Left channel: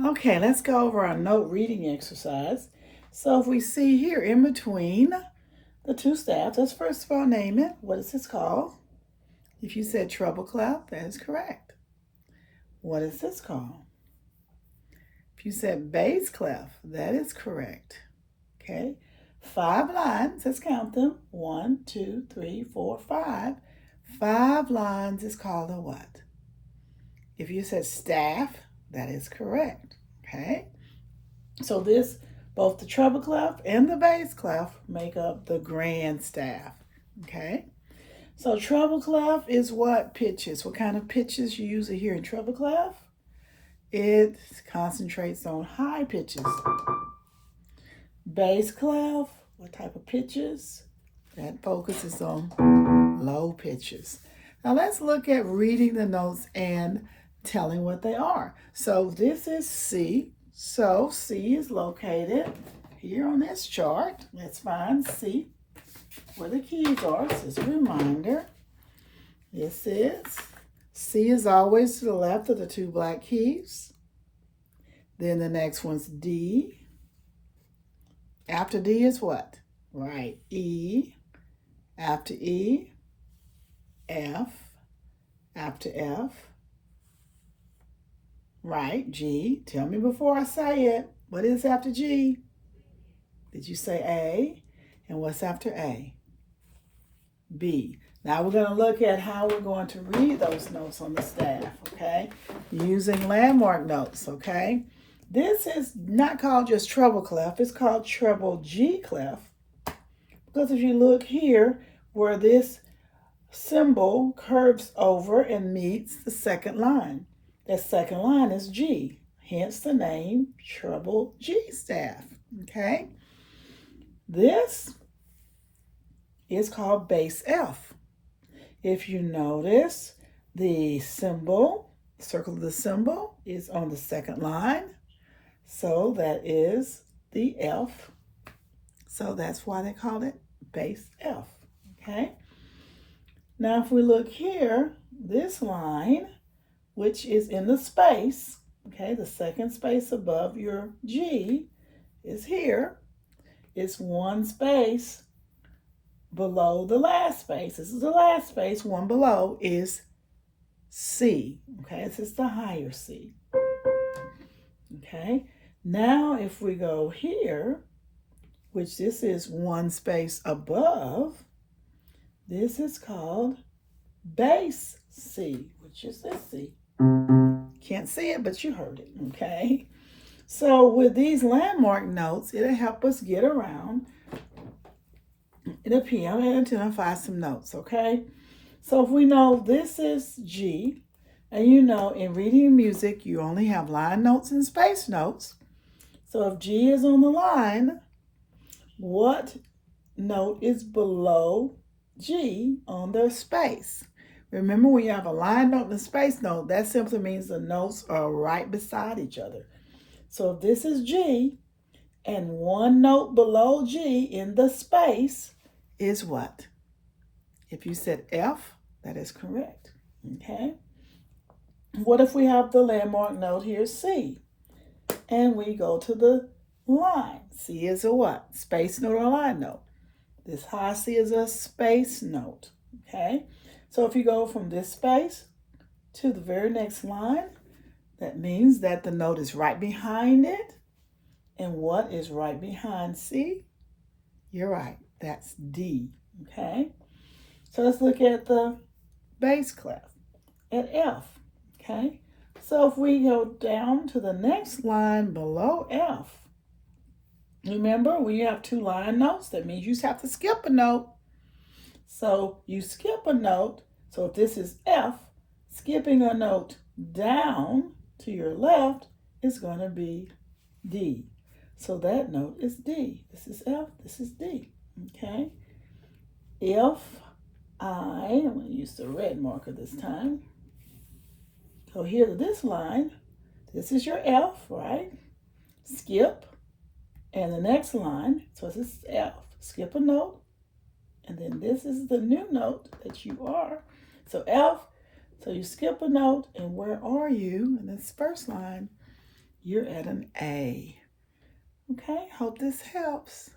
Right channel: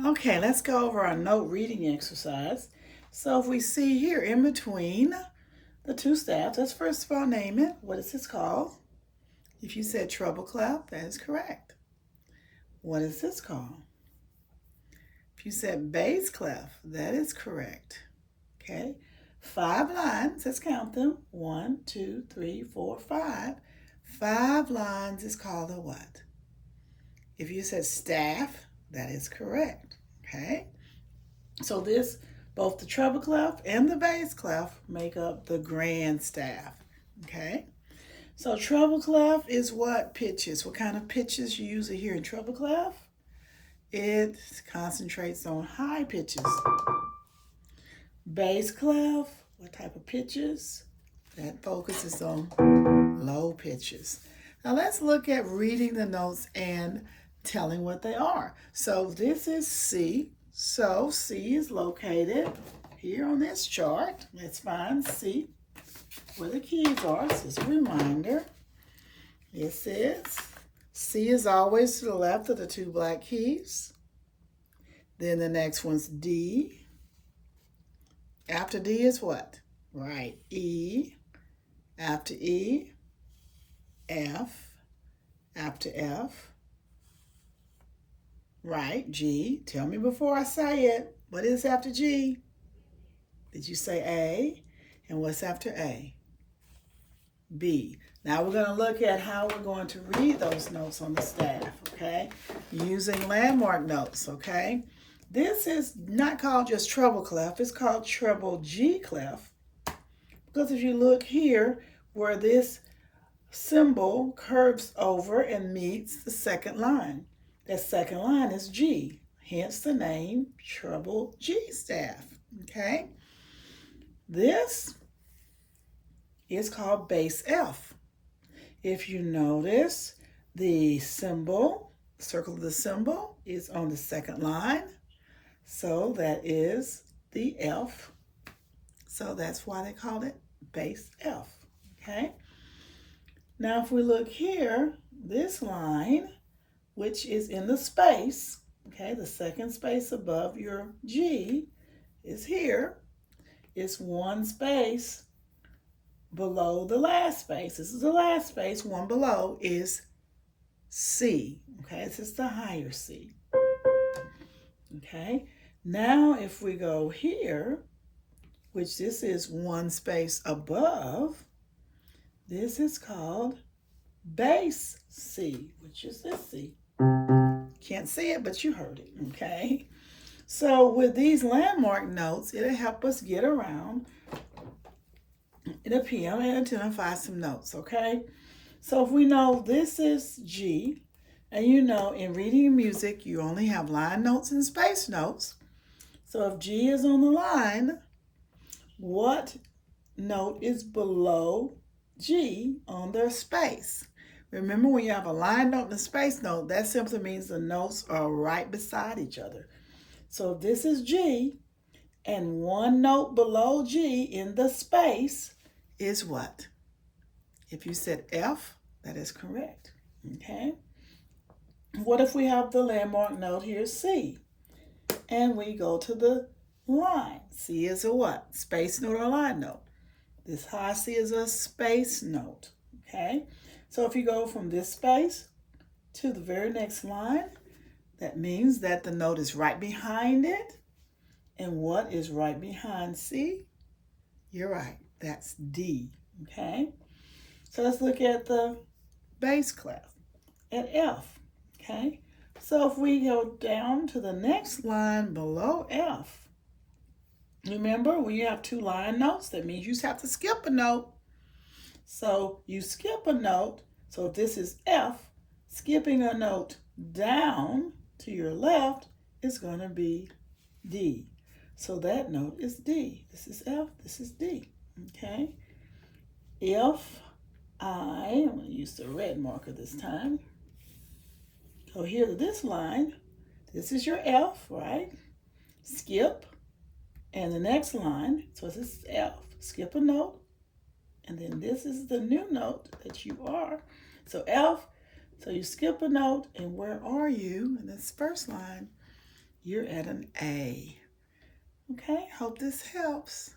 Okay, let's go over our note reading exercise. So if we see here in between the two staffs, let's first of all name it. What is this called? If you said treble clef, that is correct. What is this called? If you said bass clef, that is correct. Okay, 5 lines, let's count them. 1, 2, 3, 4, 5. 5 lines is called a what? If you said staff, that is correct. Okay, so both the treble clef and the bass clef make up the grand staff. Okay, so treble clef is what pitches? What kind of pitches you usually hear in treble clef? It concentrates on high pitches. Bass clef, what type of pitches? That focuses on low pitches. Now let's look at reading the notes and telling what they are. So this is C. So C is located here on this chart. Let's find C, where the keys are. So it's a reminder. This is C is always to the left of the two black keys. Then the next one's D. After D is what? Right, E. After E, F. After F, right, G. Tell me before I say it. What is after G? Did you say A? And what's after A? B. Now we're going to look at how we're going to read those notes on the staff, okay? Using landmark notes, okay? This is not called just treble clef. It's called treble G clef. Because if you look here where this symbol curves over and meets the second line. That second line is G, hence the name treble G staff, okay? This is called bass F. If you notice, the symbol, circle of the symbol, is on the second line. So that is the F. So that's why they call it bass F, okay? Now if we look here, this line, which is in the space, okay, the second space above your G is here. It's one space below the last space. This is the last space. One below is C, okay? This is the higher C, okay? Now if we go here, which this is one space above, this is called bass C, which is this C. Can't see it, but you heard it, okay? So with these landmark notes, it'll help us get around the piano and identify some notes, okay? So if we know this is G, and you know in reading music, you only have line notes and space notes. So if G is on the line, what note is below G on their space? Remember, when you have a line note and a space note, that simply means the notes are right beside each other. So if this is G, and one note below G in the space is what? If you said F, that is correct, okay? What if we have the landmark note here, C, and we go to the line? C is a what? Space note or line note. This high C is a space note, okay? So if you go from this space to the very next line, that means that the note is right behind it. And what is right behind C? You're right, that's D, okay? So let's look at the bass clef at F, okay? So if we go down to the next line below F, remember, when you have two line notes, that means you just have to skip a note. So you skip a note. So if this is F, skipping a note down to your left is going to be D. So that note is D. This is F, this is D, okay? If I'm going to use the red marker this time. Go here to this line. This is your F, right? Skip. And the next line, so this is F. Skip a note. And then this is the new note that you are. So F, so you skip a note, and where are you in this first line? you're at an A. Okay, hope this helps.